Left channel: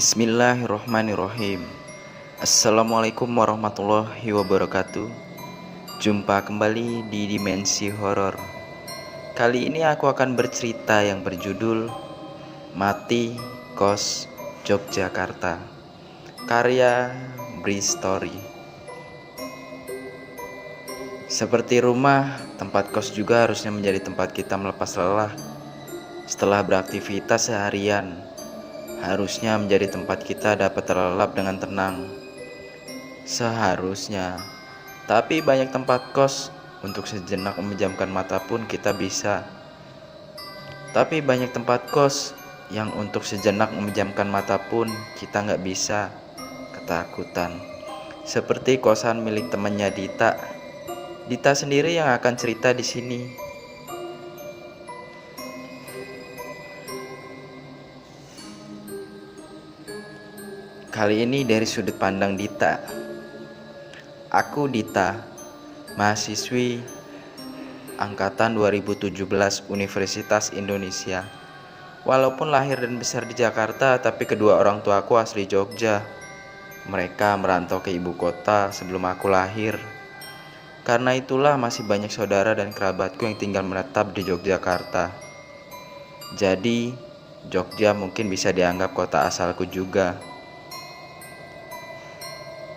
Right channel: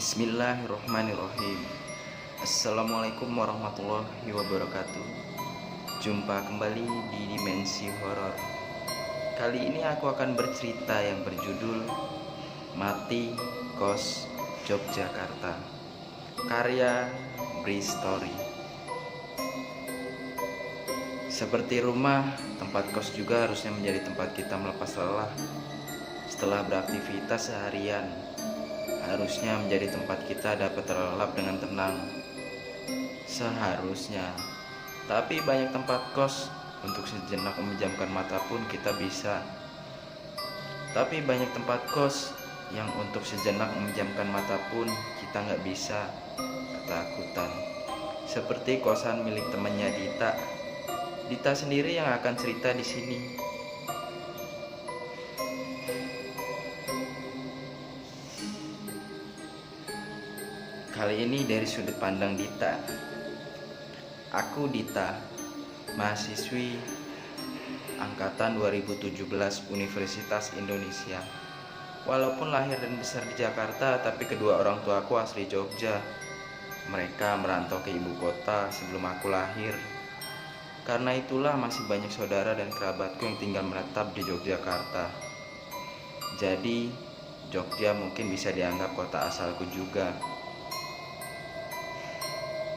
Bismillahirrohmanirrohim. Assalamualaikum warahmatullahi wabarakatuh. Jumpa kembali di Dimensi Horor. Kali ini aku akan bercerita yang berjudul Mati Kos Yogyakarta, karya Bristory. Seperti rumah, tempat kos juga harusnya menjadi tempat kita melepas lelah. Setelah beraktivitas seharian, harusnya menjadi tempat kita dapat terlelap dengan tenang. Seharusnya. Tapi banyak tempat kos untuk sejenak memejamkan mata pun kita bisa. Tapi banyak tempat kos yang untuk sejenak memejamkan mata pun kita nggak bisa. Ketakutan. Seperti kosan milik temannya Dita. Dita sendiri yang akan cerita di sini. Kali ini dari sudut pandang Dita. Aku Dita, mahasiswi angkatan 2017 Universitas Indonesia. Walaupun lahir dan besar di Jakarta, tapi kedua orang tuaku asli Jogja. Mereka merantau ke ibu kota sebelum aku lahir. Karena itulah masih banyak saudara dan kerabatku yang tinggal menetap di Yogyakarta. Jadi, Jogja mungkin bisa dianggap kota asalku juga.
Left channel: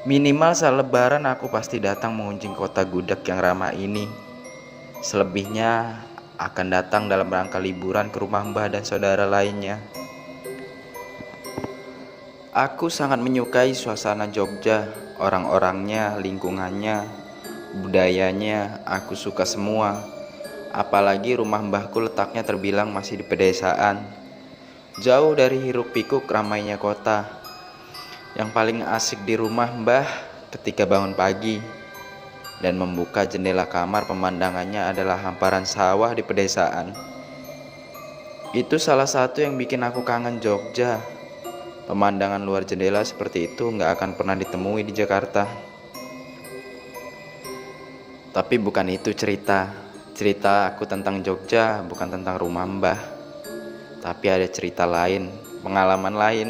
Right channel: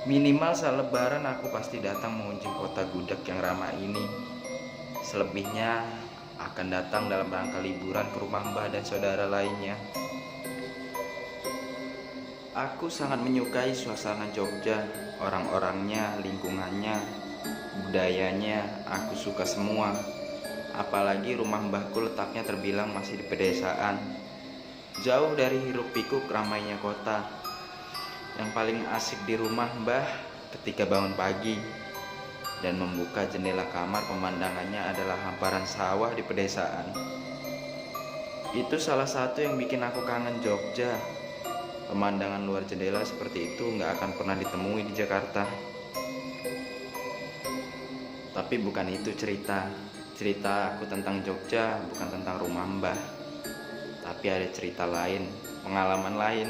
Minimal saat lebaran aku pasti datang mengunjungi kota gudeg yang ramah ini. Selebihnya akan datang dalam rangka liburan ke rumah mbah dan saudara lainnya. Aku sangat menyukai suasana Jogja, orang-orangnya, lingkungannya, budayanya, aku suka semua. Apalagi rumah mbahku letaknya terbilang masih di pedesaan, jauh dari hiruk pikuk ramainya kota. Yang paling asik di rumah mbah ketika bangun pagi dan membuka jendela kamar, pemandangannya adalah hamparan sawah di pedesaan. Itu salah satu yang bikin aku kangen Jogja. Pemandangan luar jendela seperti itu nggak akan pernah ditemui di Jakarta. Tapi bukan itu cerita. Cerita aku tentang Jogja bukan tentang rumah mbah. Tapi ada cerita lain, pengalaman lain.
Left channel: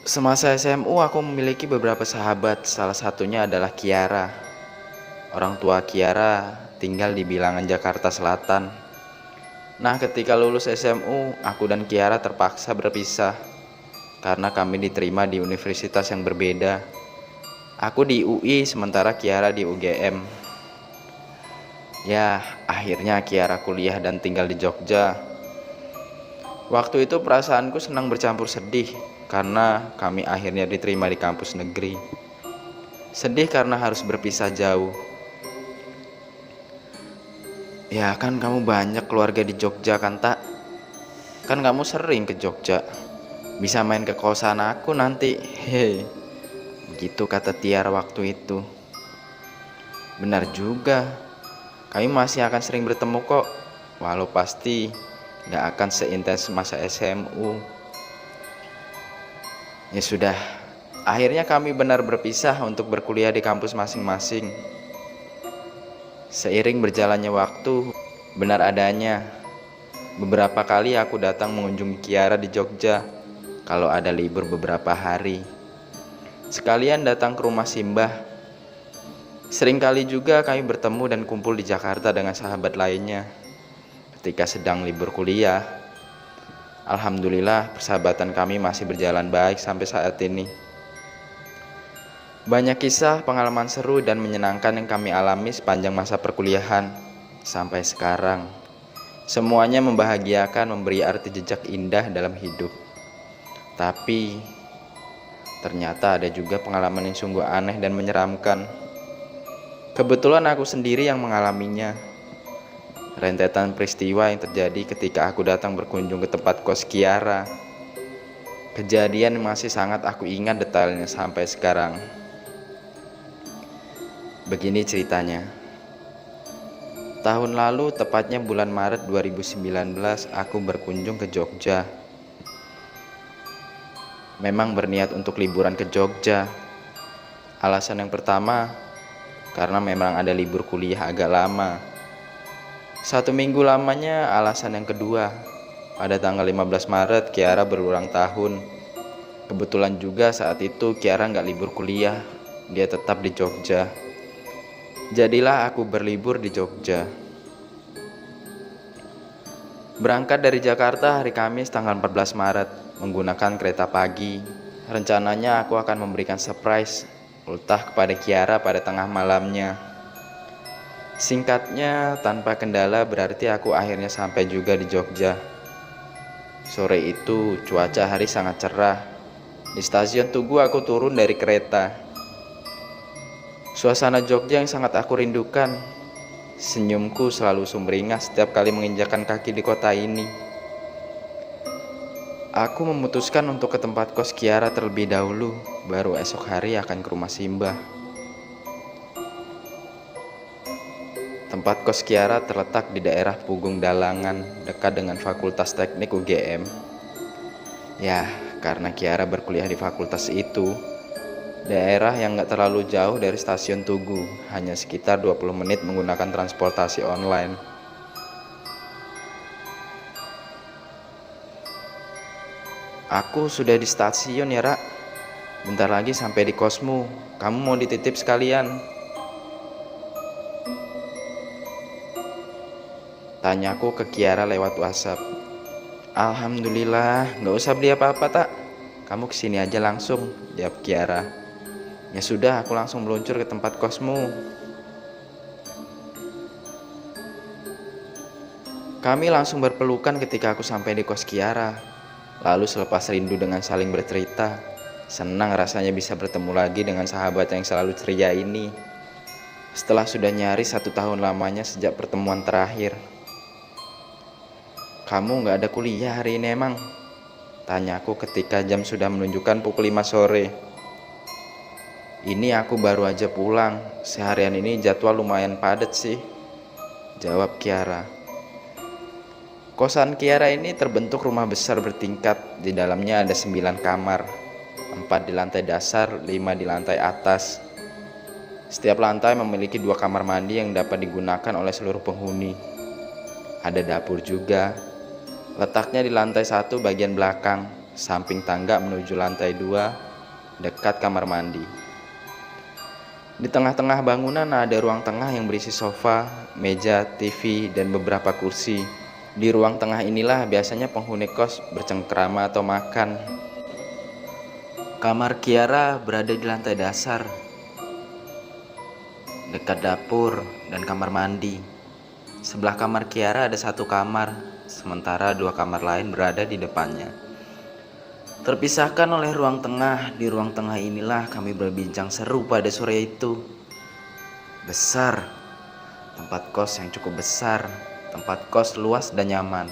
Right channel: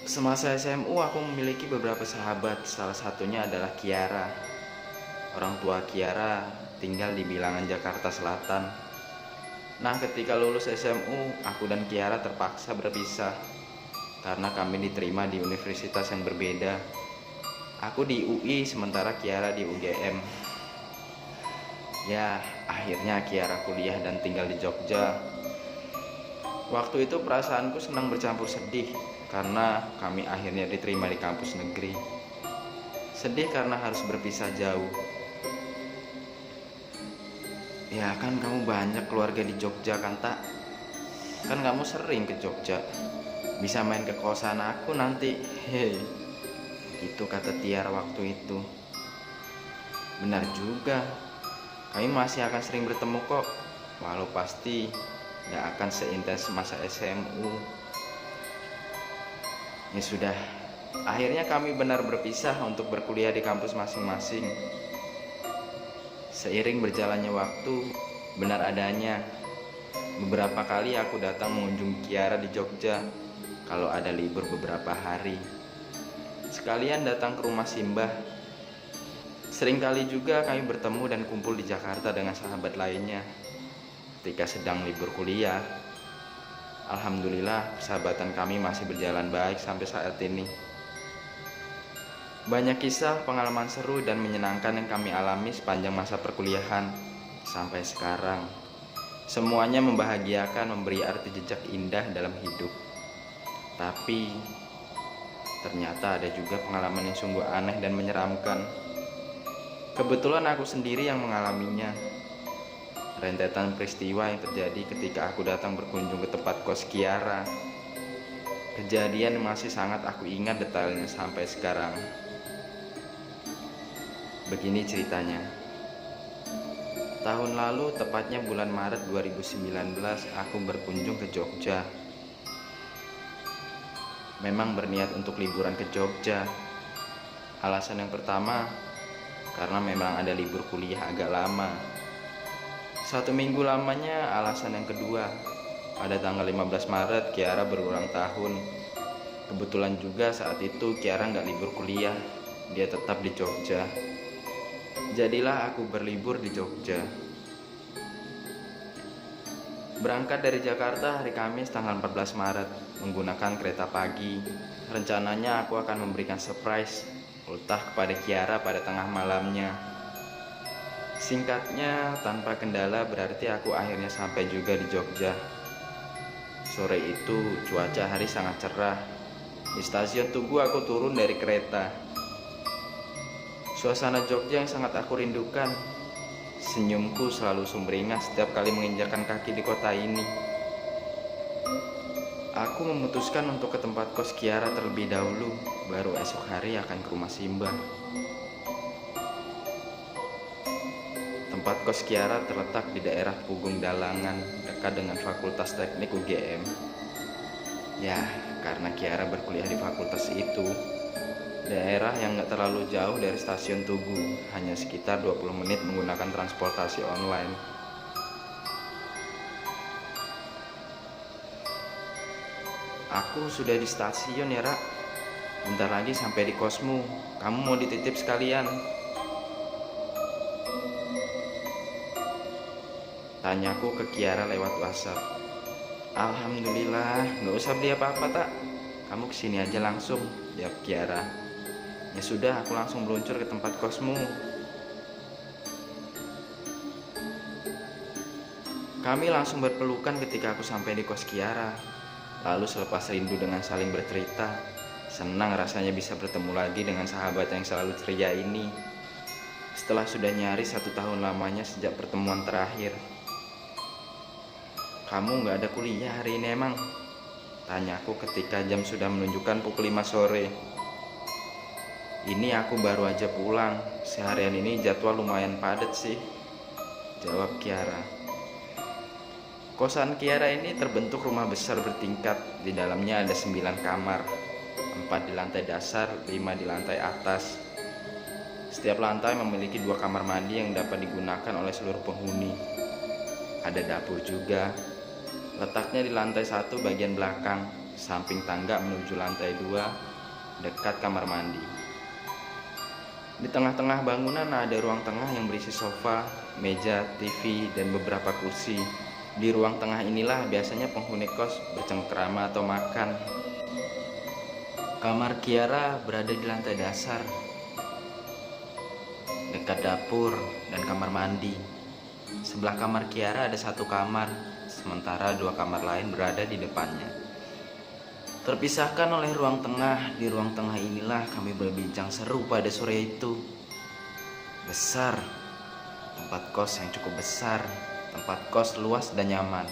Semasa SMU aku memiliki beberapa sahabat, salah satunya adalah Kiara. Orang tua Kiara tinggal di bilangan Jakarta Selatan. Nah, ketika lulus SMU, aku dan Kiara terpaksa berpisah karena kami diterima di universitas yang berbeda. Aku di UI sementara Kiara di UGM. Ya, akhirnya Kiara kuliah dan tinggal di Jogja. Waktu itu perasaanku senang bercampur sedih karena kami akhirnya diterima di kampus negeri. Sedih karena harus berpisah jauh. Ya kan kamu banyak keluarga di Jogja kan tak? Kan kamu sering ke Jogja. Bisa main ke kosan aku nanti. Hei. Gitu kata Tiara waktu itu. Benar juga. Kami masih akan sering bertemu kok. Walau pasti gak akan seintens masa SMU. Ya sudah, akhirnya kami benar berpisah untuk berkuliah di kampus masing-masing. Seiring berjalannya waktu, benar adanya, beberapa kali aku datang mengunjungi Kiara di Jogja kalau ada libur beberapa hari. Sekalian datang ke rumah Simbah. Seringkali juga kami bertemu dan kumpul di Jakarta dengan sahabat lainnya ketika sedang libur kuliah. Alhamdulillah persahabatan kami masih berjalan baik sampai saat ini. Banyak kisah, pengalaman seru dan menyenangkan yang kami alami sepanjang masa perkuliahan sampai sekarang. Semuanya membahagiakan, memberi arti jejak indah dalam hidup. Tapi ternyata ada juga pengalaman yang sungguh aneh dan menyeramkan. Kebetulan aku sendiri yang mengalaminya. Rentetan peristiwa yang terjadi ketika aku datang berkunjung ke tempat kos Kiara. Kejadian masih sangat aku ingat detailnya sampai sekarang. Begini ceritanya. Tahun lalu, tepatnya bulan Maret 2019, aku berkunjung ke Jogja. Memang berniat untuk liburan ke Jogja. Alasan yang pertama, karena memang ada libur kuliah agak lama. 1 minggu lamanya. Alasan yang kedua, Pada tanggal 15 Maret, Kiara berulang tahun. Kebetulan juga saat itu Kiara nggak libur kuliah, dia tetap di Jogja. Jadilah aku berlibur di Jogja. Berangkat dari Jakarta hari Kamis tanggal 14 Maret menggunakan kereta pagi. Rencananya aku akan memberikan surprise ultah kepada Kiara pada tengah malamnya. Singkatnya, tanpa kendala berarti aku akhirnya sampai juga di Jogja. Sore itu cuaca hari sangat cerah. Di stasiun Tugu aku turun dari kereta. Suasana Jogja yang sangat aku rindukan. Senyumku selalu sumringah setiap kali menginjakkan kaki di kota ini. Aku memutuskan untuk ke tempat kos Kiara terlebih dahulu, baru esok hari akan ke rumah Simbah. Tempat kos Kiara terletak di daerah Pugung Dalangan, dekat dengan Fakultas Teknik UGM. Ya, karena Kiara berkuliah di fakultas itu, daerah yang gak terlalu jauh dari stasiun Tugu, hanya sekitar 20 menit menggunakan transportasi online. Aku sudah di stasiun ya, Ra. Bentar lagi sampai di kosmu. Kamu mau dititip sekalian? Tanyaku ke Kiara lewat WhatsApp. Alhamdulillah, gak usah beli apa-apa tak. Kamu kesini aja langsung, jawab Kiara. Ya sudah, aku langsung meluncur ke tempat kosmu. Kami langsung berpelukan ketika aku sampai di kos Kiara. Lalu selepas rindu dengan saling bercerita, senang rasanya bisa bertemu lagi dengan sahabat yang selalu ceria ini. Setelah sudah nyaris 1 tahun lamanya sejak pertemuan terakhir. Kamu gak ada kuliah hari ini emang? Tanyaku ketika jam sudah menunjukkan pukul 5 sore. Ini aku baru aja pulang. Seharian ini jadwal lumayan padat sih, jawab Kiara. Kosan Kiara ini terbentuk rumah besar bertingkat. Di dalamnya ada 9 kamar, 4 di lantai dasar, 5 di lantai atas. Setiap lantai memiliki 2 kamar mandi yang dapat digunakan oleh seluruh penghuni. Ada dapur juga. Letaknya di lantai 1 bagian belakang, samping tangga menuju lantai 2, dekat kamar mandi. Di tengah-tengah bangunan ada ruang tengah yang berisi sofa, meja, TV, dan beberapa kursi. Di ruang tengah inilah biasanya penghuni kos bercengkrama atau makan. Kamar Kiara berada di lantai dasar, dekat dapur dan kamar mandi. Sebelah kamar Kiara ada 1 kamar, sementara 2 kamar lain berada di depannya. Terpisahkan oleh ruang tengah, di ruang tengah inilah kami berbincang seru pada sore itu. Besar, tempat kos yang cukup besar, tempat kos luas dan nyaman.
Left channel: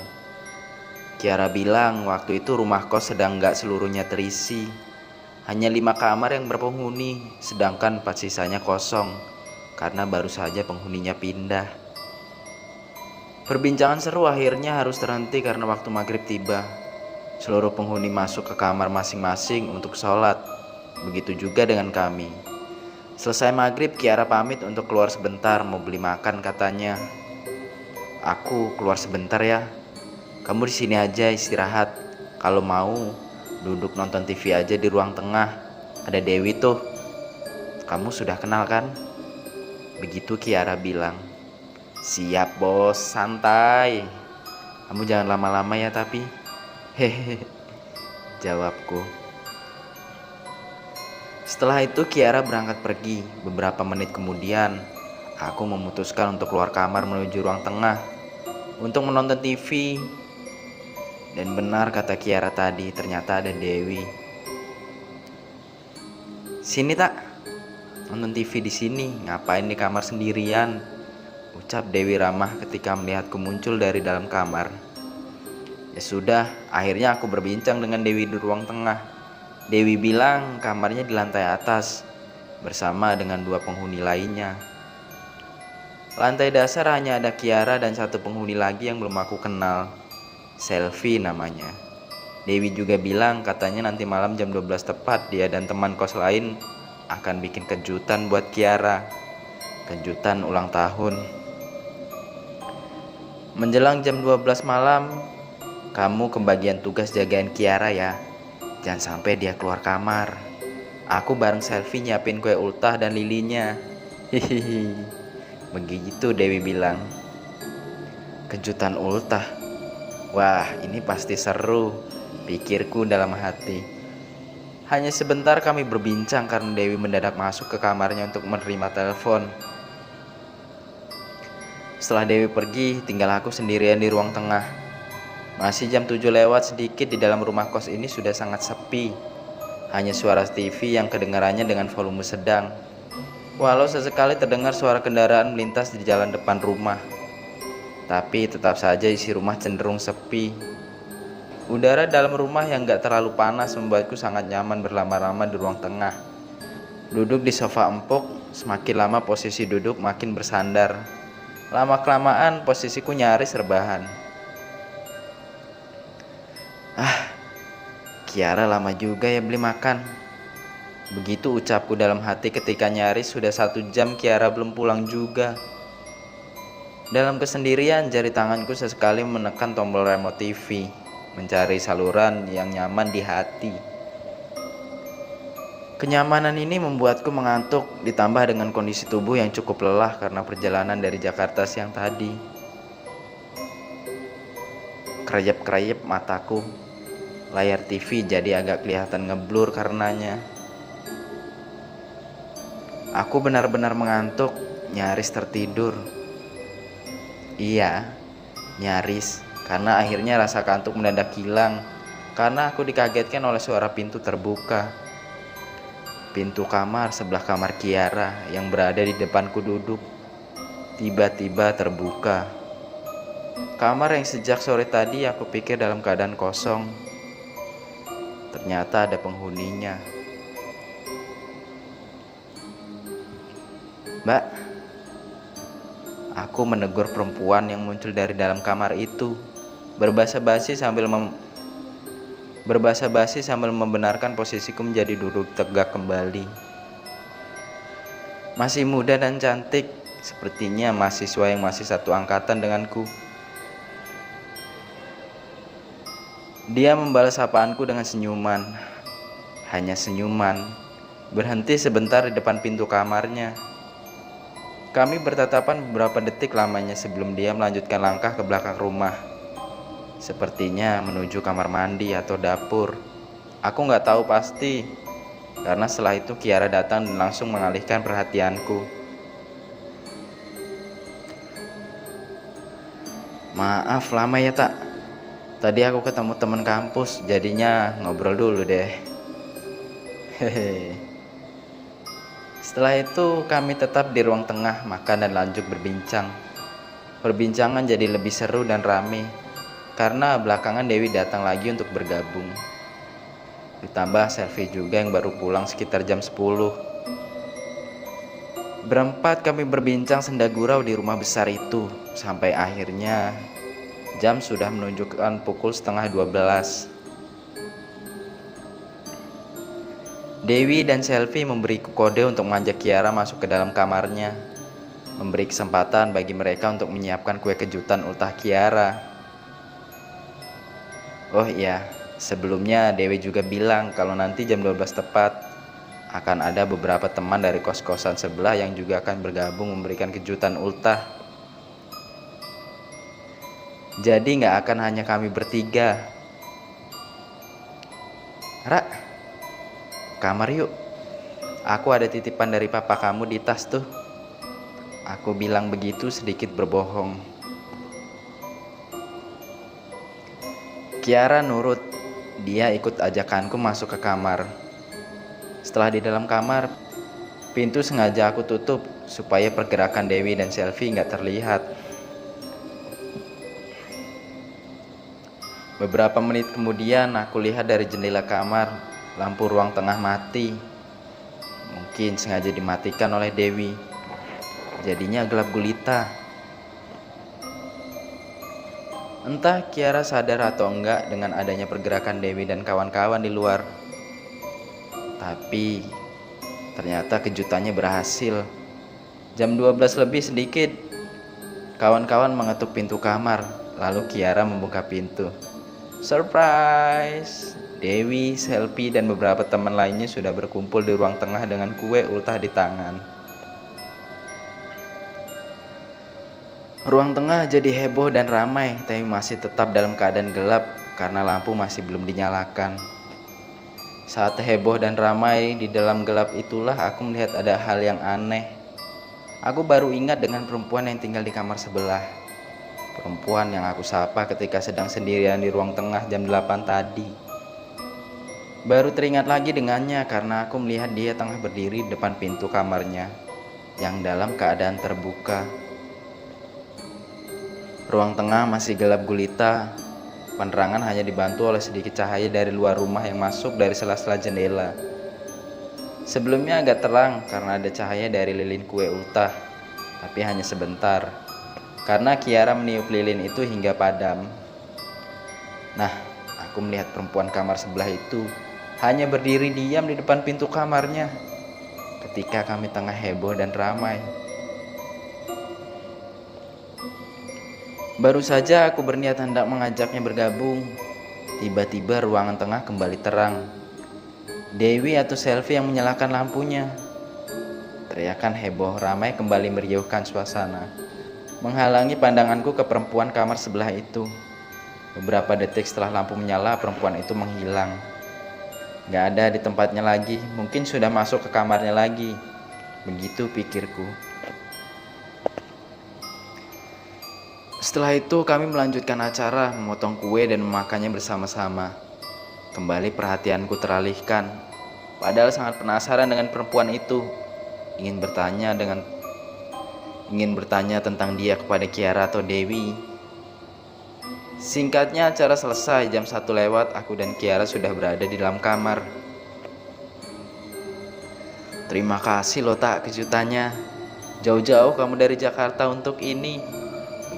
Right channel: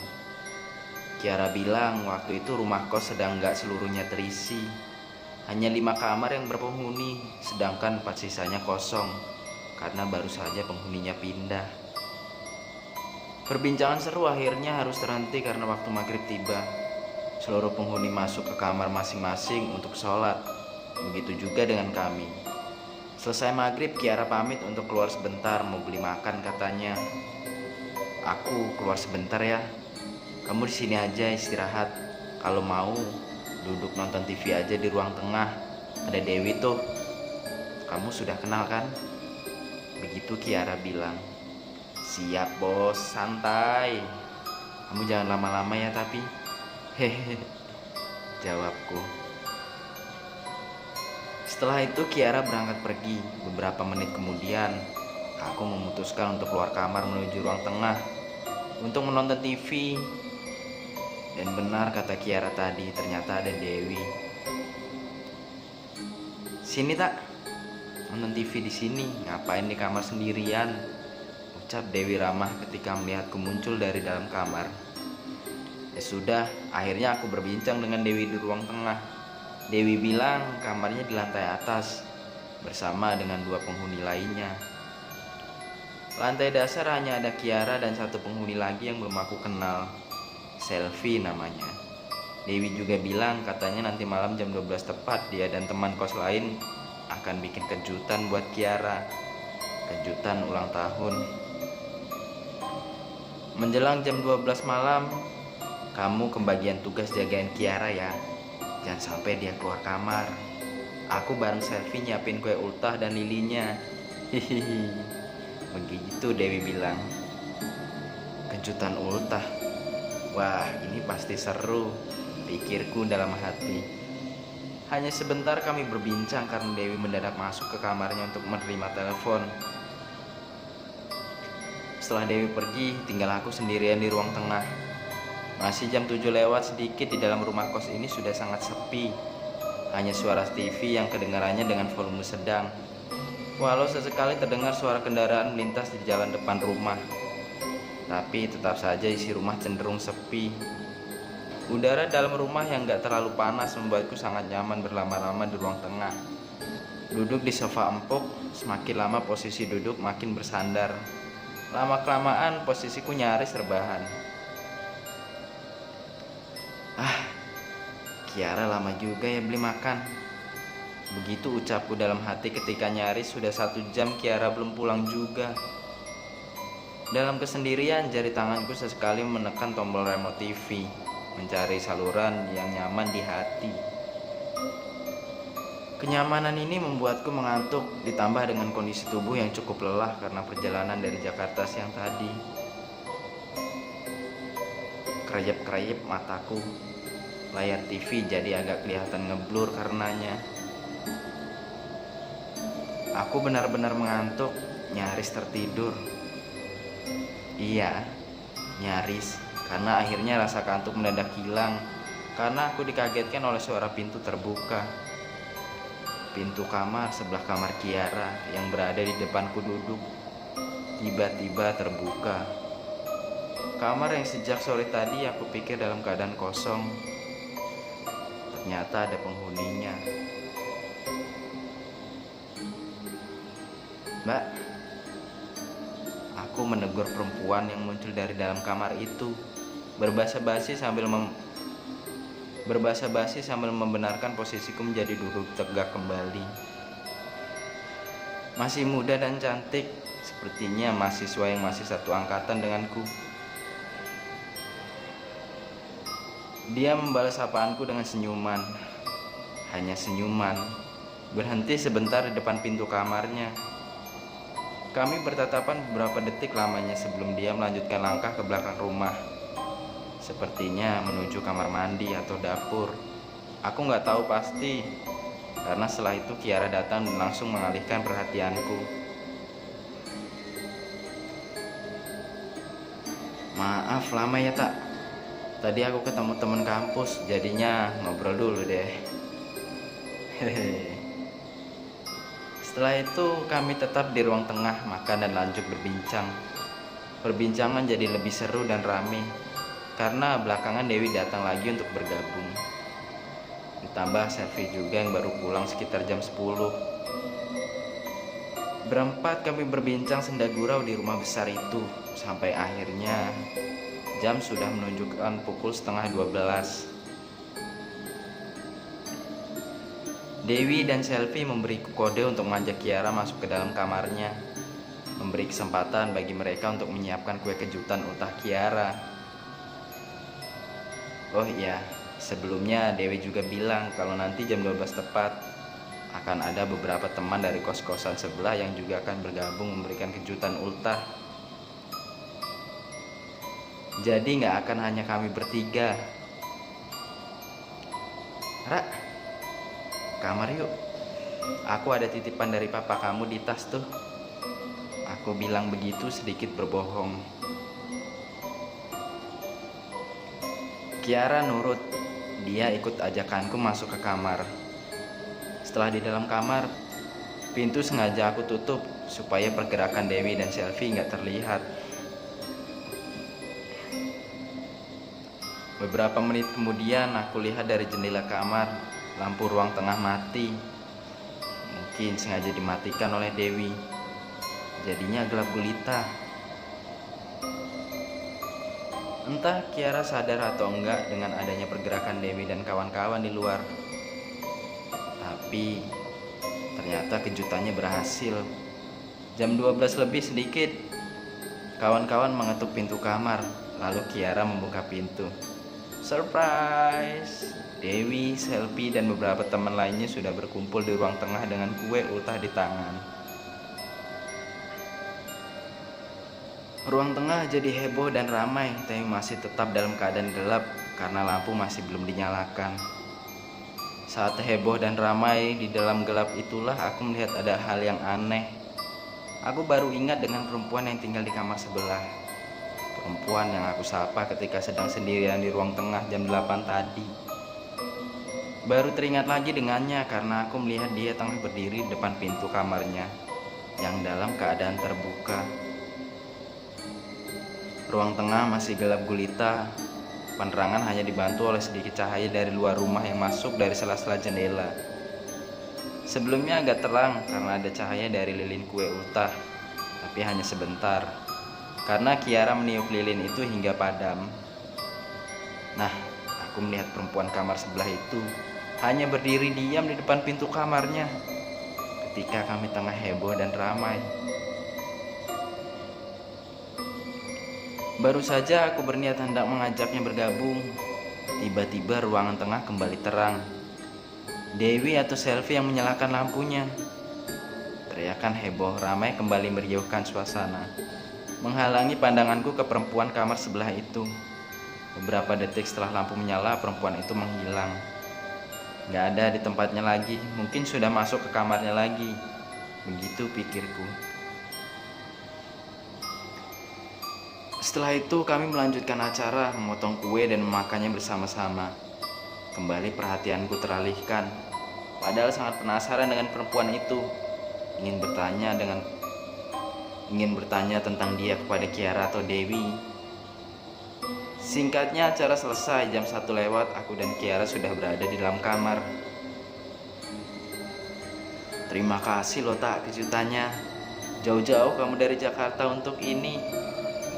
Kiara bilang waktu itu rumah kos sedang gak seluruhnya terisi. Hanya 5 kamar yang berpenghuni, sedangkan 4 sisanya kosong, karena baru saja penghuninya pindah. Perbincangan seru akhirnya harus terhenti karena waktu maghrib tiba. Seluruh penghuni masuk ke kamar masing-masing untuk sholat. Begitu juga dengan kami. Selesai maghrib, Kiara pamit untuk keluar sebentar, mau beli makan katanya. Aku keluar sebentar ya. Kamu di sini aja istirahat. Kalau mau, duduk nonton TV aja di ruang tengah. Ada Dewi tuh. Kamu sudah kenal kan? Begitu Kiara bilang. Siap bos, santai. Kamu jangan lama-lama ya tapi. Hehe, jawabku. Setelah itu Kiara berangkat pergi. Beberapa menit kemudian, aku memutuskan untuk keluar kamar menuju ruang tengah untuk menonton TV. Dan benar kata Kiara tadi, ternyata ada Dewi. Sini tak, nonton TV di sini. Ngapain di kamar sendirian? Ucap Dewi ramah ketika melihatku muncul dari dalam kamar. Ya sudah, akhirnya aku berbincang dengan Dewi di ruang tengah. Dewi bilang kamarnya di lantai atas bersama dengan 2 penghuni lainnya. Lantai dasar hanya ada Kiara dan 1 penghuni lagi yang belum aku kenal. Selfie namanya. Dewi juga bilang katanya nanti malam jam 12 tepat dia dan teman kos lain akan bikin kejutan buat Kiara. Kejutan ulang tahun. Menjelang jam 12 malam, Kamu kebagian tugas jagain Kiara ya. Jangan sampai dia keluar kamar. Aku bareng Selfie nyiapin kue ultah dan lilinya. Hihihi. Begitu Dewi bilang. Kejutan ultah. Wah, ini pasti seru, pikirku dalam hati. Hanya sebentar kami berbincang karena Dewi mendadak masuk ke kamarnya untuk menerima telepon. Setelah Dewi pergi, tinggal aku sendirian di ruang tengah. Masih jam 7 lewat sedikit, di dalam rumah kos ini sudah sangat sepi. Hanya suara TV yang kedengarannya dengan volume sedang. Walau sesekali terdengar suara kendaraan melintas di jalan depan rumah, tapi tetap saja isi rumah cenderung sepi. Udara dalam rumah yang gak terlalu panas membuatku sangat nyaman berlama-lama di ruang tengah. Duduk di sofa empuk, semakin lama posisi duduk makin bersandar. Lama-kelamaan posisiku nyaris rebahan. Kiara lama juga ya beli makan. Begitu ucapku dalam hati ketika nyaris sudah 1 jam Kiara belum pulang juga. Dalam kesendirian, jari tanganku sesekali menekan tombol remote TV, mencari saluran yang nyaman di hati. Kenyamanan ini membuatku mengantuk, ditambah dengan kondisi tubuh yang cukup lelah karena perjalanan dari Jakarta siang tadi. Kereyep-kereyep mataku. Layar TV jadi agak kelihatan ngeblur karenanya. Aku benar-benar mengantuk, nyaris tertidur. Iya, nyaris, karena akhirnya rasa kantuk mendadak hilang karena aku dikagetkan oleh suara pintu terbuka. Pintu kamar sebelah kamar Kiara yang berada di depanku duduk tiba-tiba terbuka. Kamar yang sejak sore tadi aku pikir dalam keadaan kosong, ternyata ada penghuninya. Mbak, aku menegur perempuan yang muncul dari dalam kamar itu, berbahasa basi sambil membenarkan posisiku menjadi duduk tegak kembali. Masih muda dan cantik, sepertinya mahasiswa yang masih satu angkatan denganku. Dia membalas sapaanku dengan senyuman. Hanya senyuman. Berhenti sebentar di depan pintu kamarnya. Kami bertatapan beberapa detik lamanya sebelum dia melanjutkan langkah ke belakang rumah. Sepertinya menuju kamar mandi atau dapur. Aku gak tahu pasti, karena setelah itu Kiara datang dan langsung mengalihkan perhatianku. Maaf lama ya tak. Tadi aku ketemu teman kampus, jadinya ngobrol dulu deh. Hehe. Setelah itu kami tetap di ruang tengah makan dan lanjut berbincang. Perbincangan jadi lebih seru dan ramai karena belakangan Dewi datang lagi untuk bergabung. Ditambah Selfie juga yang baru pulang sekitar jam 10. Berempat kami berbincang senda gurau di rumah besar itu sampai akhirnya jam sudah menunjukkan pukul 11:30. Dewi dan Selfie memberiku kode untuk mengajak Kiara masuk ke dalam kamarnya, memberi kesempatan bagi mereka untuk menyiapkan kue kejutan ultah Kiara. Oh iya, sebelumnya Dewi juga bilang kalau nanti jam 12 tepat akan ada beberapa teman dari kos-kosan sebelah yang juga akan bergabung memberikan kejutan ultah. Jadi gak akan hanya kami bertiga. Ra, kamar yuk. Aku ada titipan dari papa kamu di tas tuh. Aku bilang begitu sedikit berbohong. Kiara nurut. Dia ikut ajakanku masuk ke kamar. Setelah di dalam kamar, pintu sengaja aku tutup supaya pergerakan Dewi dan Selfie gak terlihat. Beberapa menit kemudian aku lihat dari jendela kamar, lampu ruang tengah mati. Mungkin sengaja dimatikan oleh Dewi. Jadinya gelap gulita. Entah Kiara sadar atau enggak dengan adanya pergerakan Dewi dan kawan-kawan di luar. Tapi ternyata kejutannya berhasil. Jam 12 lebih sedikit, kawan-kawan mengetuk pintu kamar, lalu Kiara membuka pintu. Surprise! Dewi, Selfie, dan beberapa teman lainnya sudah berkumpul di ruang tengah dengan kue ultah di tangan. Ruang tengah jadi heboh dan ramai, tapi masih tetap dalam keadaan gelap karena lampu masih belum dinyalakan. Saat heboh dan ramai di dalam gelap itulah aku melihat ada hal yang aneh. Aku baru ingat dengan perempuan yang tinggal di kamar sebelah. Perempuan yang aku sapa ketika sedang sendirian di ruang tengah jam 8 tadi. Baru teringat lagi dengannya karena aku melihat dia tengah berdiri di depan pintu kamarnya yang dalam keadaan terbuka. Ruang tengah masih gelap gulita. Penerangan hanya dibantu oleh sedikit cahaya dari luar rumah yang masuk dari sela-sela jendela. Sebelumnya agak terang karena ada cahaya dari lilin kue ultah, tapi hanya sebentar. Karena Kiara meniup lilin itu hingga padam. Nah, aku melihat perempuan kamar sebelah itu hanya berdiri diam di depan pintu kamarnya ketika kami tengah heboh dan ramai. Baru saja aku berniat hendak mengajaknya bergabung. Tiba-tiba ruangan tengah kembali terang. Dewi atau Selfie yang menyalakan lampunya. Teriakan heboh ramai kembali meriuhkan suasana, menghalangi pandanganku ke perempuan kamar sebelah itu. Beberapa detik setelah lampu menyala, perempuan itu menghilang. Gak ada di tempatnya lagi, mungkin sudah masuk ke kamarnya lagi. Begitu pikirku. Setelah itu kami melanjutkan acara, memotong kue dan memakannya bersama-sama. Kembali perhatianku teralihkan. Padahal sangat penasaran dengan perempuan itu. Ingin bertanya tentang dia kepada Kiara atau Dewi. Singkatnya acara selesai, jam 1 lewat, aku dan Kiara sudah berada di dalam kamar. Terima kasih loh tak kejutannya. Jauh-jauh kamu dari Jakarta untuk ini,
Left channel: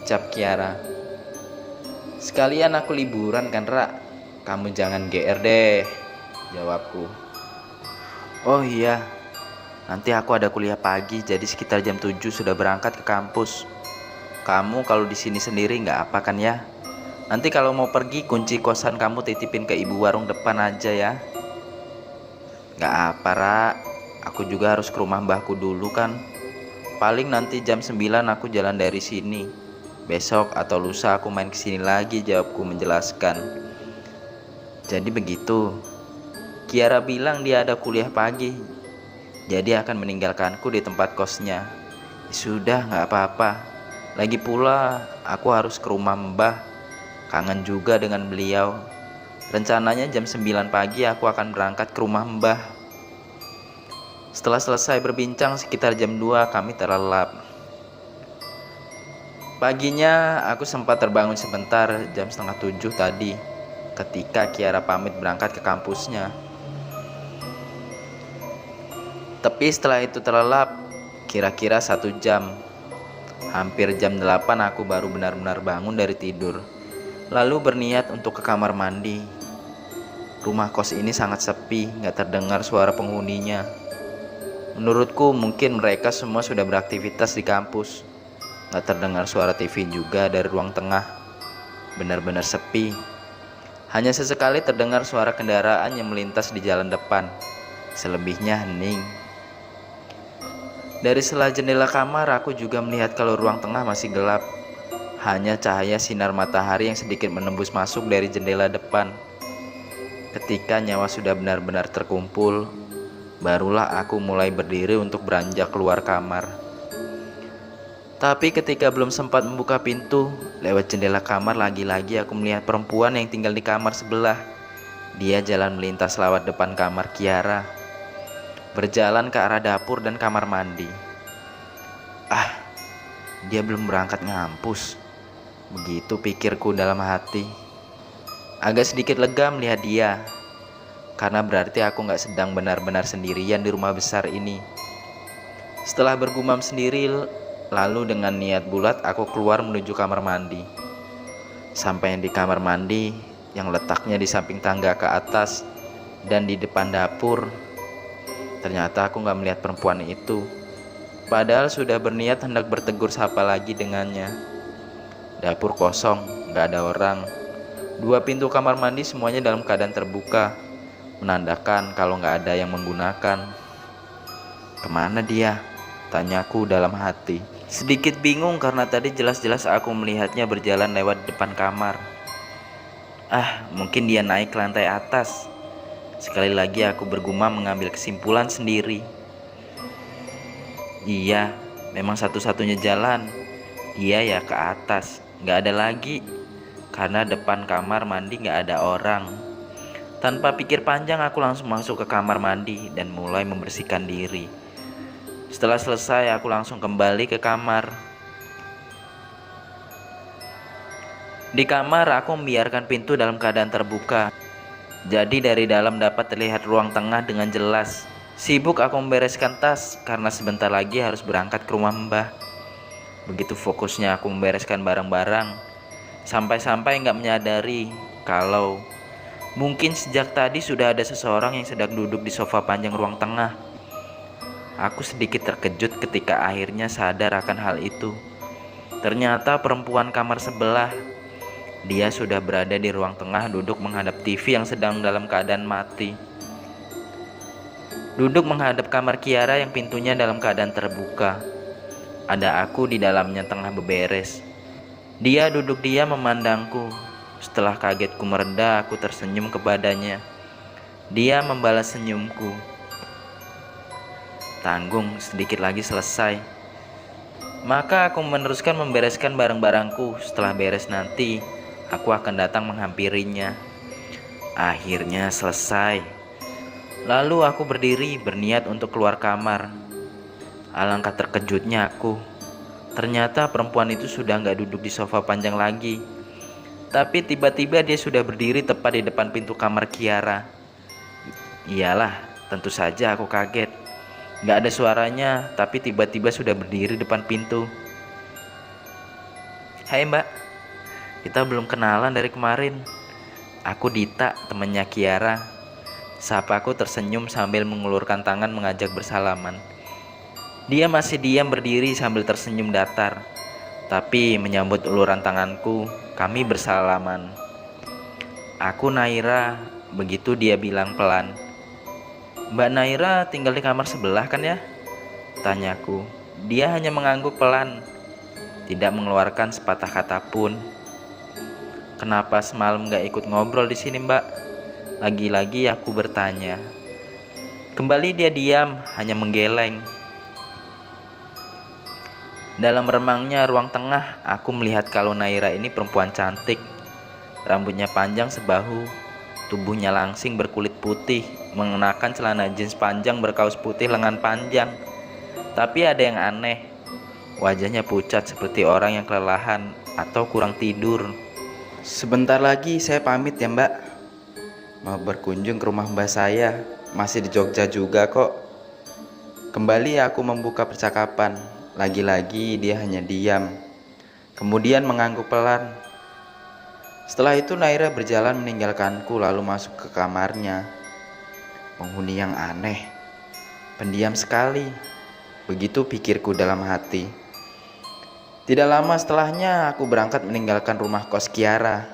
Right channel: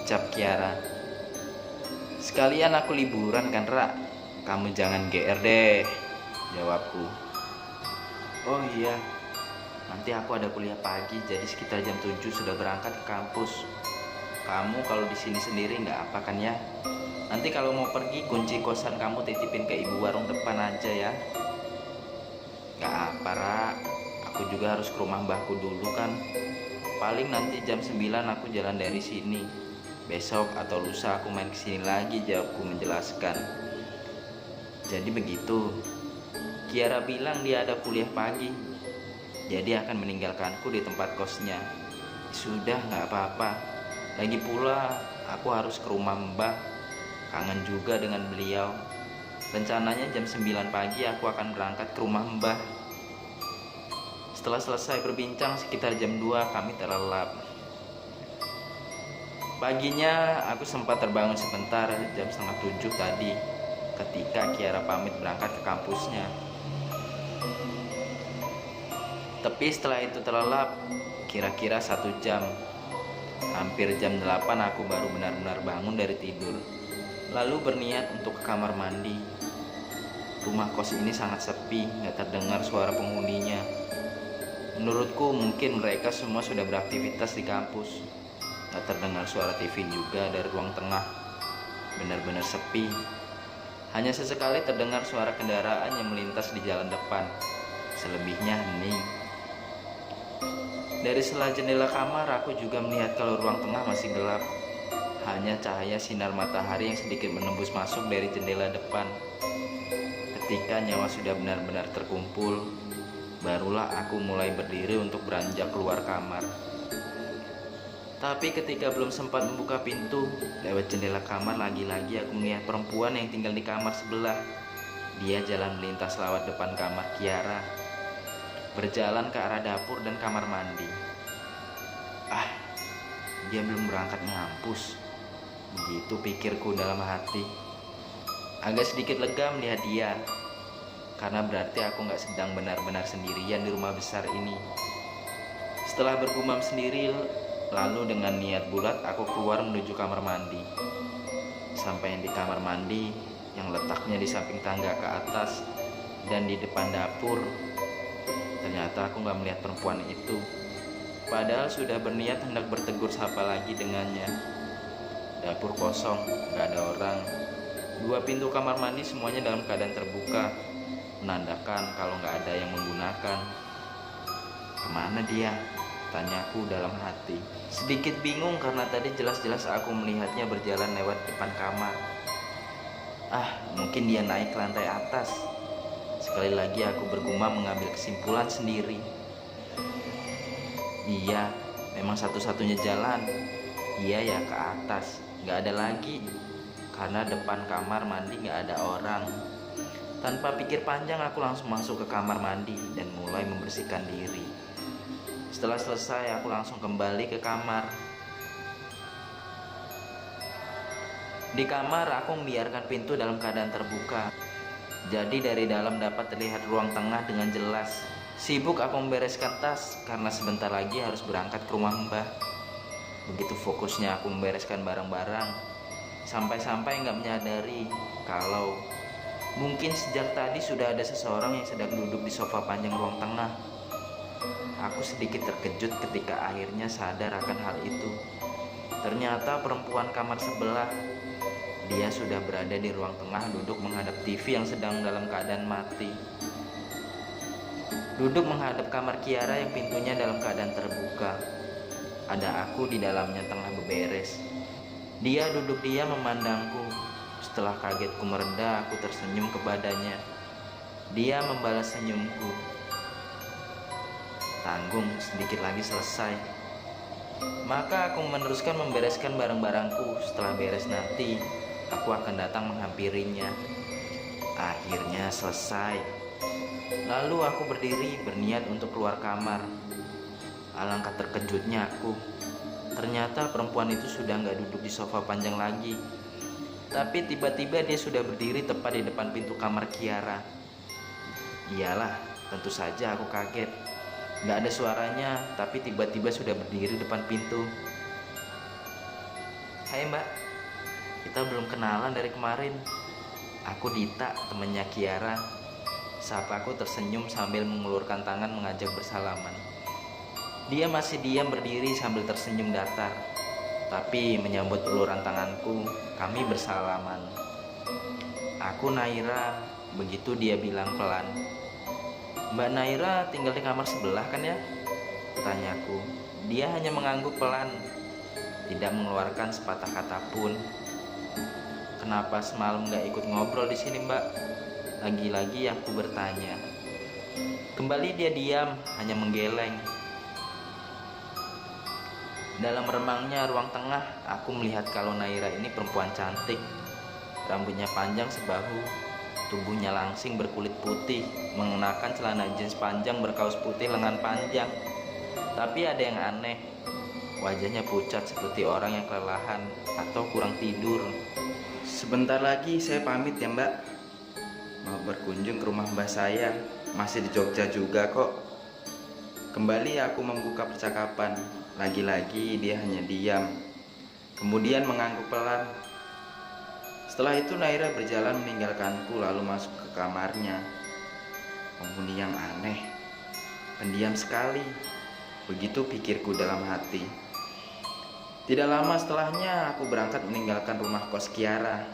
ucap Kiara. Sekalian aku liburan kan Ra. Kamu jangan GR deh, jawabku. Oh iya, nanti aku ada kuliah pagi, jadi sekitar jam 7 sudah berangkat ke kampus. Kamu kalau di sini sendiri nggak apa kan ya? Nanti kalau mau pergi kunci kosan kamu titipin ke ibu warung depan aja ya. Nggak apa Ra, aku juga harus ke rumah mbahku dulu kan. Paling nanti jam 9 aku jalan dari sini. Besok atau lusa aku main kesini lagi, jawabku menjelaskan. Jadi begitu. Kiara bilang dia ada kuliah pagi, jadi akan meninggalkanku di tempat kosnya. Sudah gak apa-apa. Lagi pula aku harus ke rumah mbah. Kangen juga dengan beliau. Rencananya jam 9 pagi aku akan berangkat ke rumah mbah. Setelah selesai berbincang sekitar jam 2 kami terlelap. Paginya aku sempat terbangun sebentar jam setengah 7 tadi ketika Kiara pamit berangkat ke kampusnya. Tapi setelah itu terlelap kira-kira 1 jam. Hampir jam 8 aku baru benar-benar bangun dari tidur. Lalu berniat untuk ke kamar mandi. Rumah kos ini sangat sepi, gak terdengar suara penghuninya. Menurutku mungkin mereka semua sudah beraktivitas di kampus. Gak terdengar suara TV juga dari ruang tengah. Benar-benar sepi. Hanya sesekali terdengar suara kendaraan yang melintas di jalan depan. Selebihnya hening. Dari sela jendela kamar aku juga melihat kalau ruang tengah masih gelap. Hanya cahaya sinar matahari yang sedikit menembus masuk dari jendela depan. Ketika nyawa sudah benar-benar terkumpul, barulah aku mulai berdiri untuk beranjak keluar kamar. Tapi ketika belum sempat membuka pintu, lewat jendela kamar lagi-lagi aku melihat perempuan yang tinggal di kamar sebelah. Dia jalan melintas lewat depan kamar Kiara, berjalan ke arah dapur dan kamar mandi. Dia belum berangkat ngampus. Begitu pikirku dalam hati. Agak sedikit lega melihat dia, karena berarti aku gak sedang benar-benar sendirian di rumah besar ini. Setelah bergumam sendiri, lalu dengan niat bulat aku keluar menuju kamar mandi. Sampai di kamar mandi yang letaknya di samping tangga ke atas dan di depan dapur, ternyata aku gak melihat perempuan itu. Padahal sudah berniat hendak bertegur sapa lagi dengannya. Dapur kosong, gak ada orang. Dua pintu kamar mandi semuanya dalam keadaan terbuka, menandakan kalau nggak ada yang menggunakan. Kemana dia? Tanyaku dalam hati. Sedikit bingung karena tadi jelas-jelas aku melihatnya berjalan lewat depan kamar. Mungkin dia naik ke lantai atas. Sekali lagi aku bergumam mengambil kesimpulan sendiri. Iya, memang satu-satunya jalan. Iya ya, ke atas. Nggak ada lagi. Karena depan kamar mandi nggak ada orang. Tanpa pikir panjang aku langsung masuk ke kamar mandi dan mulai membersihkan diri. Setelah selesai aku langsung kembali ke kamar. Di kamar aku membiarkan pintu dalam keadaan terbuka. Jadi dari dalam dapat terlihat ruang tengah dengan jelas. Sibuk aku membereskan tas karena sebentar lagi harus berangkat ke rumah Mbah. Begitu fokusnya aku membereskan barang-barang, sampai-sampai nggak menyadari kalau mungkin sejak tadi sudah ada seseorang yang sedang duduk di sofa panjang ruang tengah. Aku sedikit terkejut ketika akhirnya sadar akan hal itu. Ternyata perempuan kamar sebelah. Dia sudah berada di ruang tengah duduk menghadap TV yang sedang dalam keadaan mati. Duduk menghadap kamar Kiara yang pintunya dalam keadaan terbuka. Ada aku di dalamnya tengah beberes. Dia duduk diam memandangku. Setelah kagetku mereda, aku tersenyum kepadanya. Dia membalas senyumku. Tanggung, sedikit lagi selesai. Maka aku meneruskan membereskan barang-barangku. Setelah beres nanti, aku akan datang menghampirinya. Akhirnya selesai. Lalu aku berdiri berniat untuk keluar kamar. Alangkah terkejutnya aku. Ternyata perempuan itu sudah gak duduk di sofa panjang lagi. Tapi tiba-tiba dia sudah berdiri tepat di depan pintu kamar Kiara. Iyalah, tentu saja aku kaget. Gak ada suaranya, tapi tiba-tiba sudah berdiri depan pintu. Hai Mbak, kita belum kenalan dari kemarin. Aku Dita, temannya Kiara. Sapaku tersenyum sambil mengulurkan tangan mengajak bersalaman. Dia masih diam berdiri sambil tersenyum datar. Tapi menyambut uluran tanganku, kami bersalaman. Aku Naira, begitu dia bilang pelan. Mbak Naira tinggal di kamar sebelah kan ya? Tanyaku. Dia hanya mengangguk pelan, tidak mengeluarkan sepatah kata pun. Kenapa semalam gak ikut ngobrol di sini Mbak? Lagi-lagi aku bertanya. Kembali dia diam, hanya menggeleng. Dalam remangnya ruang tengah, aku melihat kalau Naira ini perempuan cantik. Rambutnya panjang sebahu, tubuhnya langsing berkulit putih, mengenakan celana jeans panjang berkaus putih lengan panjang. Tapi ada yang aneh, wajahnya pucat seperti orang yang kelelahan atau kurang tidur. Sebentar lagi saya pamit ya Mbak. Mau berkunjung ke rumah Mbak saya, masih di Jogja juga kok. Kembali aku membuka percakapan. Lagi-lagi dia hanya diam, kemudian mengangguk pelan. Setelah itu Naira berjalan meninggalkanku lalu masuk ke kamarnya. Penghuni yang aneh, pendiam sekali. Begitu pikirku dalam hati. Tidak lama setelahnya aku berangkat meninggalkan rumah kos Kiara.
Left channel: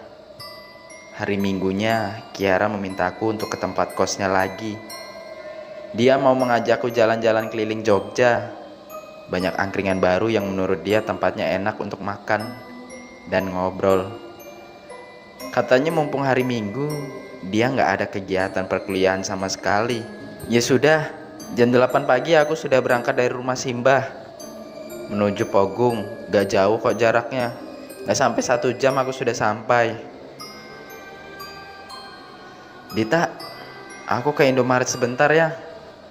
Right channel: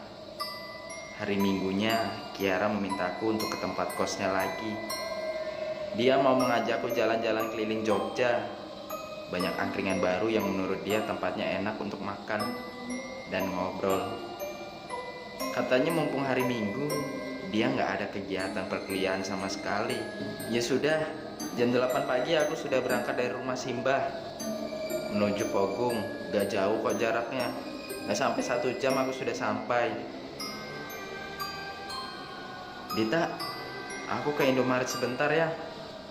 Hari Minggunya Kiara memintaku untuk ke tempat kosnya lagi. Dia mau mengajakku jalan-jalan keliling Jogja. Banyak angkringan baru yang menurut dia tempatnya enak untuk makan dan ngobrol. Katanya mumpung hari Minggu, dia nggak ada kegiatan perkuliahan sama sekali. Ya sudah, jam 8 pagi aku sudah berangkat dari rumah Simbah menuju Pogung. Gak jauh kok jaraknya. Gak sampai 1 jam aku sudah sampai. Dita, aku ke Indomaret sebentar ya.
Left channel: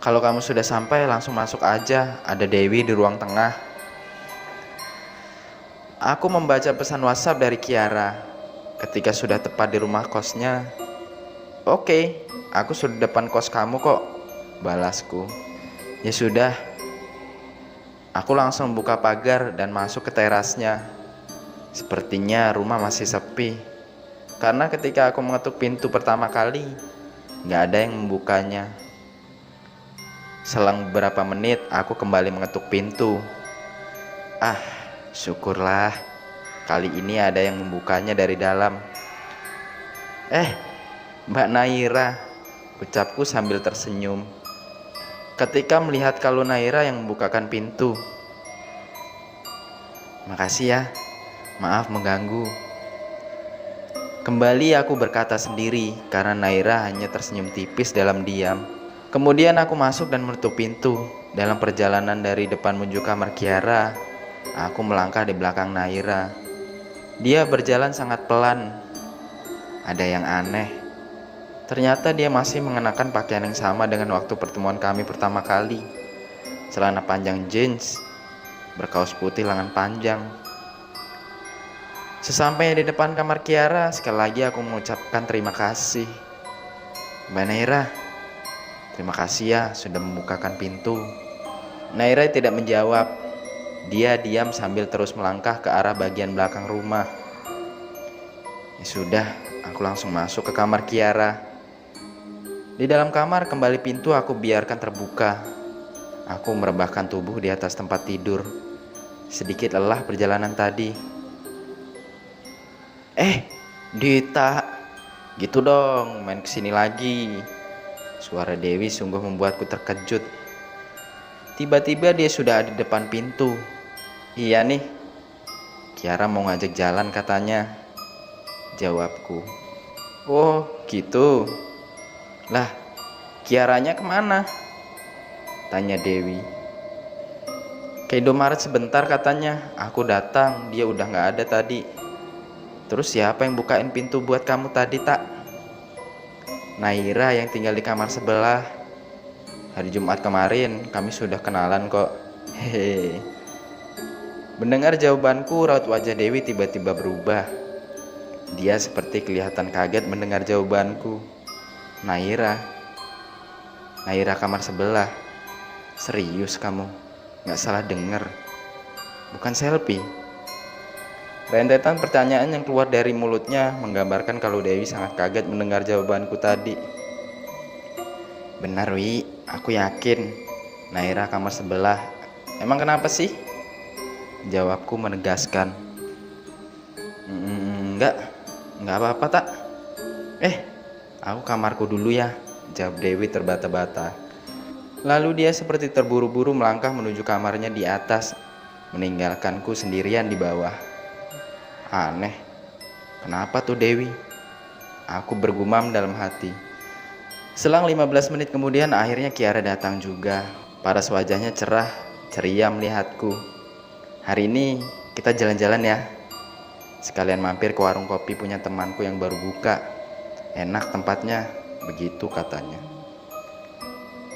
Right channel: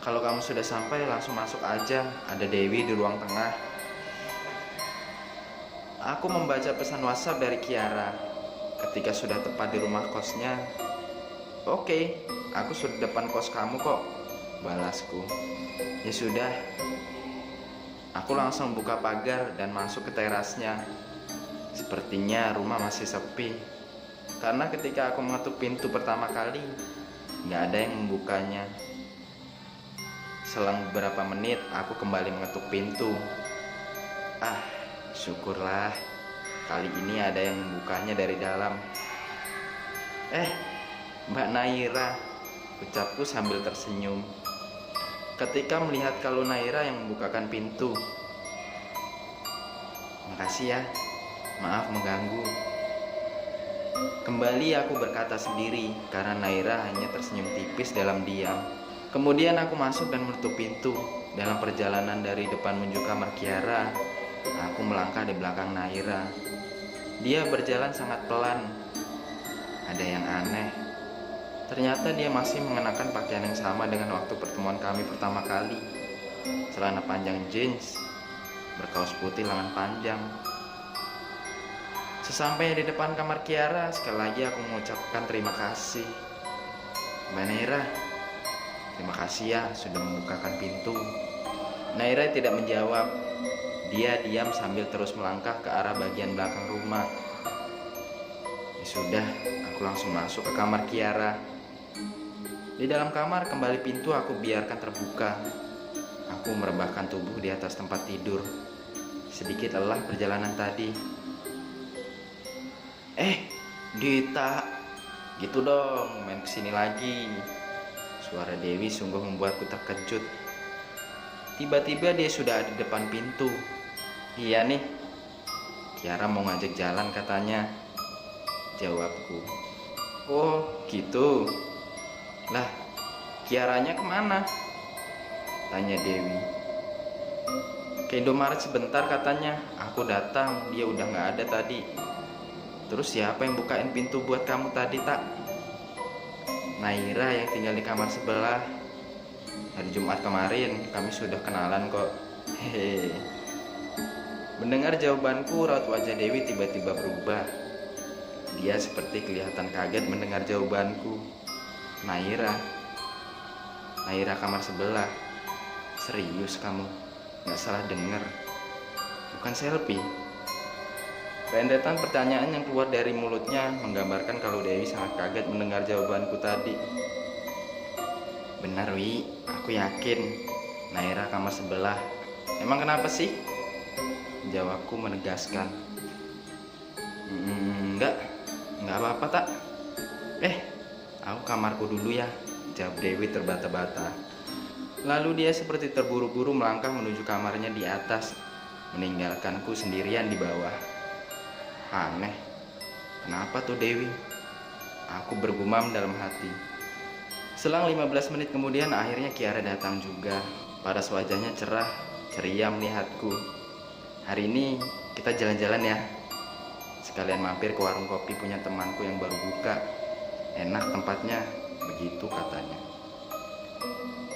Kalau kamu sudah sampai langsung masuk aja. Ada Dewi di ruang tengah. Aku membaca pesan WhatsApp dari Kiara. Ketika sudah tepat di rumah kosnya, Oke, aku sudah depan kos kamu kok, balasku. Ya sudah. Aku langsung buka pagar dan masuk ke terasnya. Sepertinya rumah masih sepi. Karena ketika aku mengetuk pintu pertama kali, gak ada yang membukanya. Selang beberapa menit, aku kembali mengetuk pintu. Syukurlah, kali ini ada yang membukanya dari dalam. Eh, Mbak Naira, ucapku sambil tersenyum. Ketika melihat kalau Naira yang membukakan pintu. Makasih ya, maaf mengganggu. Kembali aku berkata sendiri karena Naira hanya tersenyum tipis dalam diam. Kemudian aku masuk dan menutup pintu. Dalam perjalanan dari depan menuju kamar Kiara, aku melangkah di belakang Naira. Dia berjalan sangat pelan. Ada yang aneh. Ternyata dia masih mengenakan pakaian yang sama dengan waktu pertemuan kami pertama kali. Celana panjang jeans, berkaus putih lengan panjang. Sesampainya di depan kamar Kiara, sekali lagi aku mengucapkan terima kasih. Mbak Naira, terima kasih ya sudah membukakan pintu. Naira tidak menjawab. Dia diam sambil terus melangkah ke arah bagian belakang rumah. Ya sudah, aku langsung masuk ke kamar Kiara. Di dalam kamar kembali pintu aku biarkan terbuka. Aku merebahkan tubuh di atas tempat tidur. Sedikit lelah perjalanan tadi. Dita, gitu dong, main kesini lagi. Suara Dewi sungguh membuatku terkejut. Tiba-tiba dia sudah ada di depan pintu. Iya nih, Kiara mau ngajak jalan katanya, jawabku. Oh gitu. Lah, Kiaranya kemana? Tanya Dewi. Ke Indomaret sebentar katanya. Aku datang, dia udah gak ada tadi. Terus siapa yang bukain pintu buat kamu tadi, tak? Naira yang tinggal di kamar sebelah. Hari Jumat kemarin kami sudah kenalan kok. Hehe. Mendengar jawabanku, raut wajah Dewi tiba-tiba berubah. Dia seperti kelihatan kaget mendengar jawabanku. Naira kamar sebelah. Serius kamu? Gak salah denger. Bukan selfie. Rentetan pertanyaan yang keluar dari mulutnya menggambarkan kalau Dewi sangat kaget mendengar jawabanku tadi. Benar Wi, aku yakin Naira kamar sebelah. Emang kenapa sih? Jawabku menegaskan. Enggak apa-apa tak. Aku kamarku dulu ya, jawab Dewi terbata-bata. Lalu dia seperti terburu-buru melangkah menuju kamarnya di atas, meninggalkanku sendirian di bawah. Aneh, kenapa tuh Dewi? Aku bergumam dalam hati. Selang 15 menit kemudian akhirnya Kiara datang juga. Paras wajahnya cerah, ceria melihatku. Hari ini kita jalan-jalan ya. Sekalian mampir ke warung kopi punya temanku yang baru buka. Enak tempatnya, begitu katanya.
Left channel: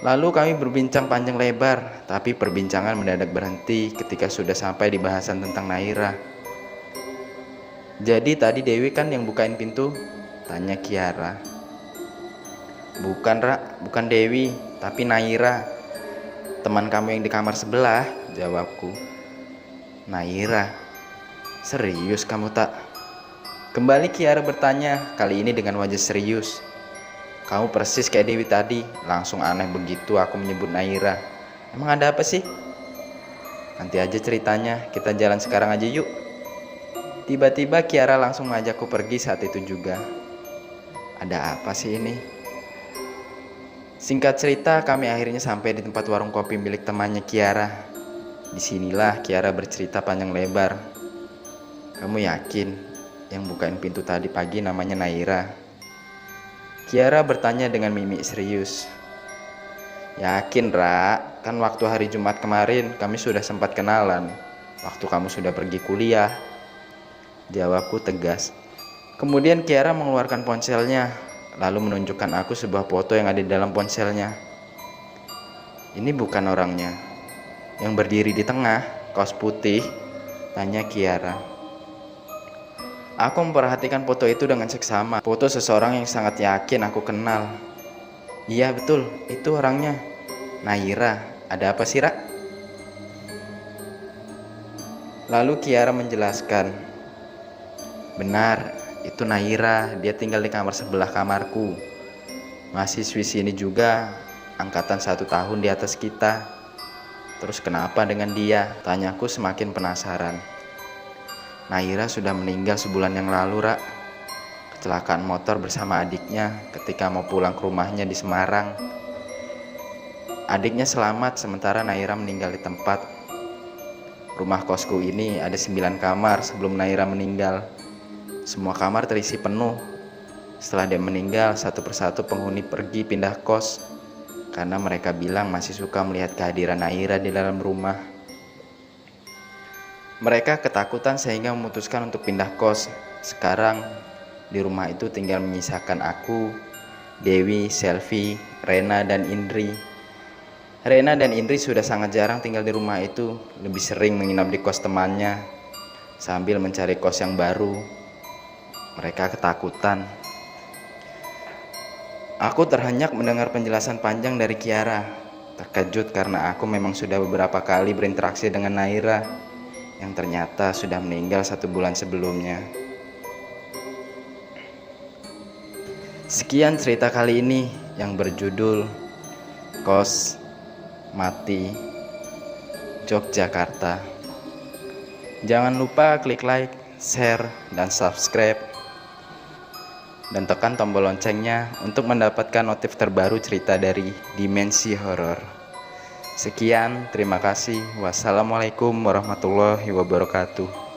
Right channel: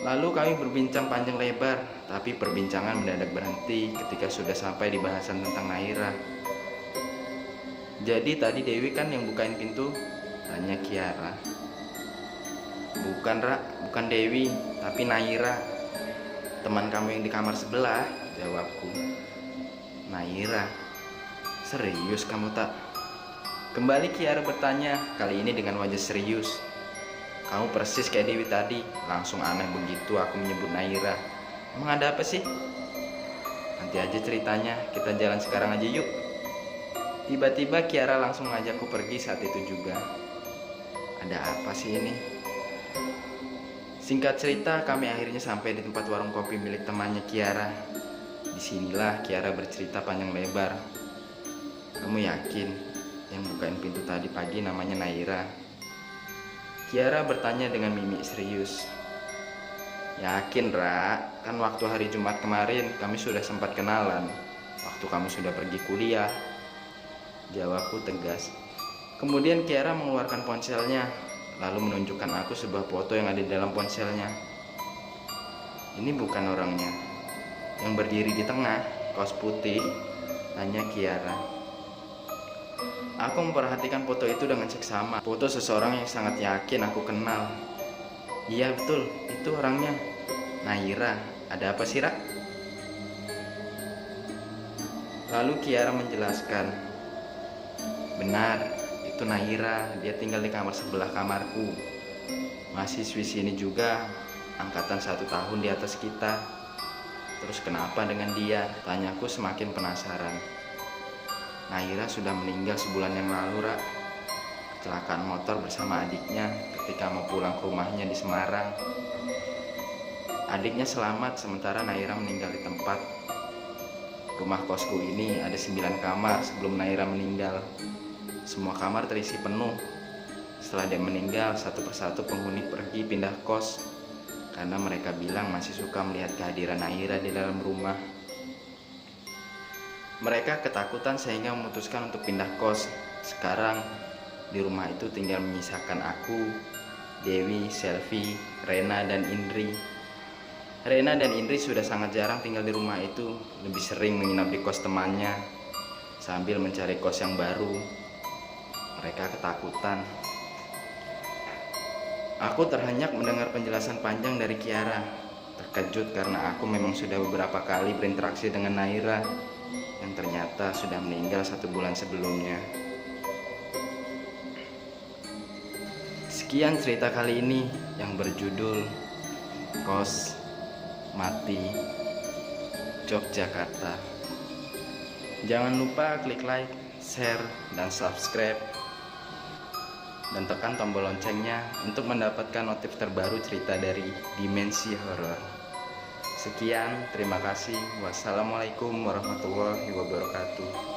Lalu kami berbincang panjang lebar, tapi perbincangan mendadak berhenti ketika sudah sampai di bahasan tentang Naira. Jadi tadi Dewi kan yang bukain pintu? Tanya Kiara. Bukan Ra, bukan Dewi, tapi Naira. Teman kamu yang di kamar sebelah, jawabku. Naira, serius kamu tak? Kembali Kiara bertanya, kali ini dengan wajah serius. Kamu persis kayak Dewi tadi, langsung aneh begitu aku menyebut Naira. Emang ada apa sih? Nanti aja ceritanya, kita jalan sekarang aja yuk. Tiba-tiba Kiara langsung mengajakku pergi saat itu juga. Ada apa sih ini? Singkat cerita, kami akhirnya sampai di tempat warung kopi milik temannya Kiara. Disinilah Kiara bercerita panjang lebar. Kamu yakin yang bukain pintu tadi pagi namanya Naira? Kiara bertanya dengan mimik serius. Yakin Ra, kan waktu hari Jumat kemarin kami sudah sempat kenalan. Waktu kamu sudah pergi kuliah, jawabku tegas. Kemudian Kiara mengeluarkan ponselnya, lalu menunjukkan aku sebuah foto yang ada di dalam ponselnya. Ini bukan orangnya. Yang berdiri di tengah, kaos putih, tanya Kiara. Aku memperhatikan foto itu dengan seksama. Foto seseorang yang sangat yakin aku kenal. Iya betul, itu orangnya. Naira, ada apa sih Ra? Lalu Kiara menjelaskan. Benar, itu Naira, dia tinggal di kamar sebelah kamarku. Mahasiswi sini juga, angkatan 1 tahun di atas kita. Terus kenapa dengan dia? Tanyaku semakin penasaran. Naira sudah meninggal sebulan yang lalu, Ra. kecelakaan motor bersama adiknya ketika mau pulang ke rumahnya di Semarang. Adiknya selamat sementara Naira meninggal di tempat. Rumah kosku ini ada 9 kamar sebelum Naira meninggal. Semua kamar terisi penuh. Setelah dia meninggal, satu persatu penghuni pergi pindah kos karena mereka bilang masih suka melihat kehadiran Naira di dalam rumah. Mereka ketakutan sehingga memutuskan untuk pindah kos. Sekarang di rumah itu tinggal menyisakan aku, Dewi, Selvi, Rena, dan Indri. Rena dan Indri sudah sangat jarang tinggal di rumah itu, lebih sering menginap di kos temannya sambil mencari kos yang baru. Mereka ketakutan. Aku terhenyak mendengar penjelasan panjang dari Kiara. Terkejut karena aku memang sudah beberapa kali berinteraksi dengan Naira yang ternyata sudah meninggal 1 bulan sebelumnya. Sekian cerita kali ini yang berjudul Kos Mati Yogyakarta. Jangan lupa klik like, share, dan subscribe, dan tekan tombol loncengnya untuk mendapatkan notif terbaru cerita dari Dimensi Horor. Sekian, terima kasih. Wassalamualaikum warahmatullahi wabarakatuh.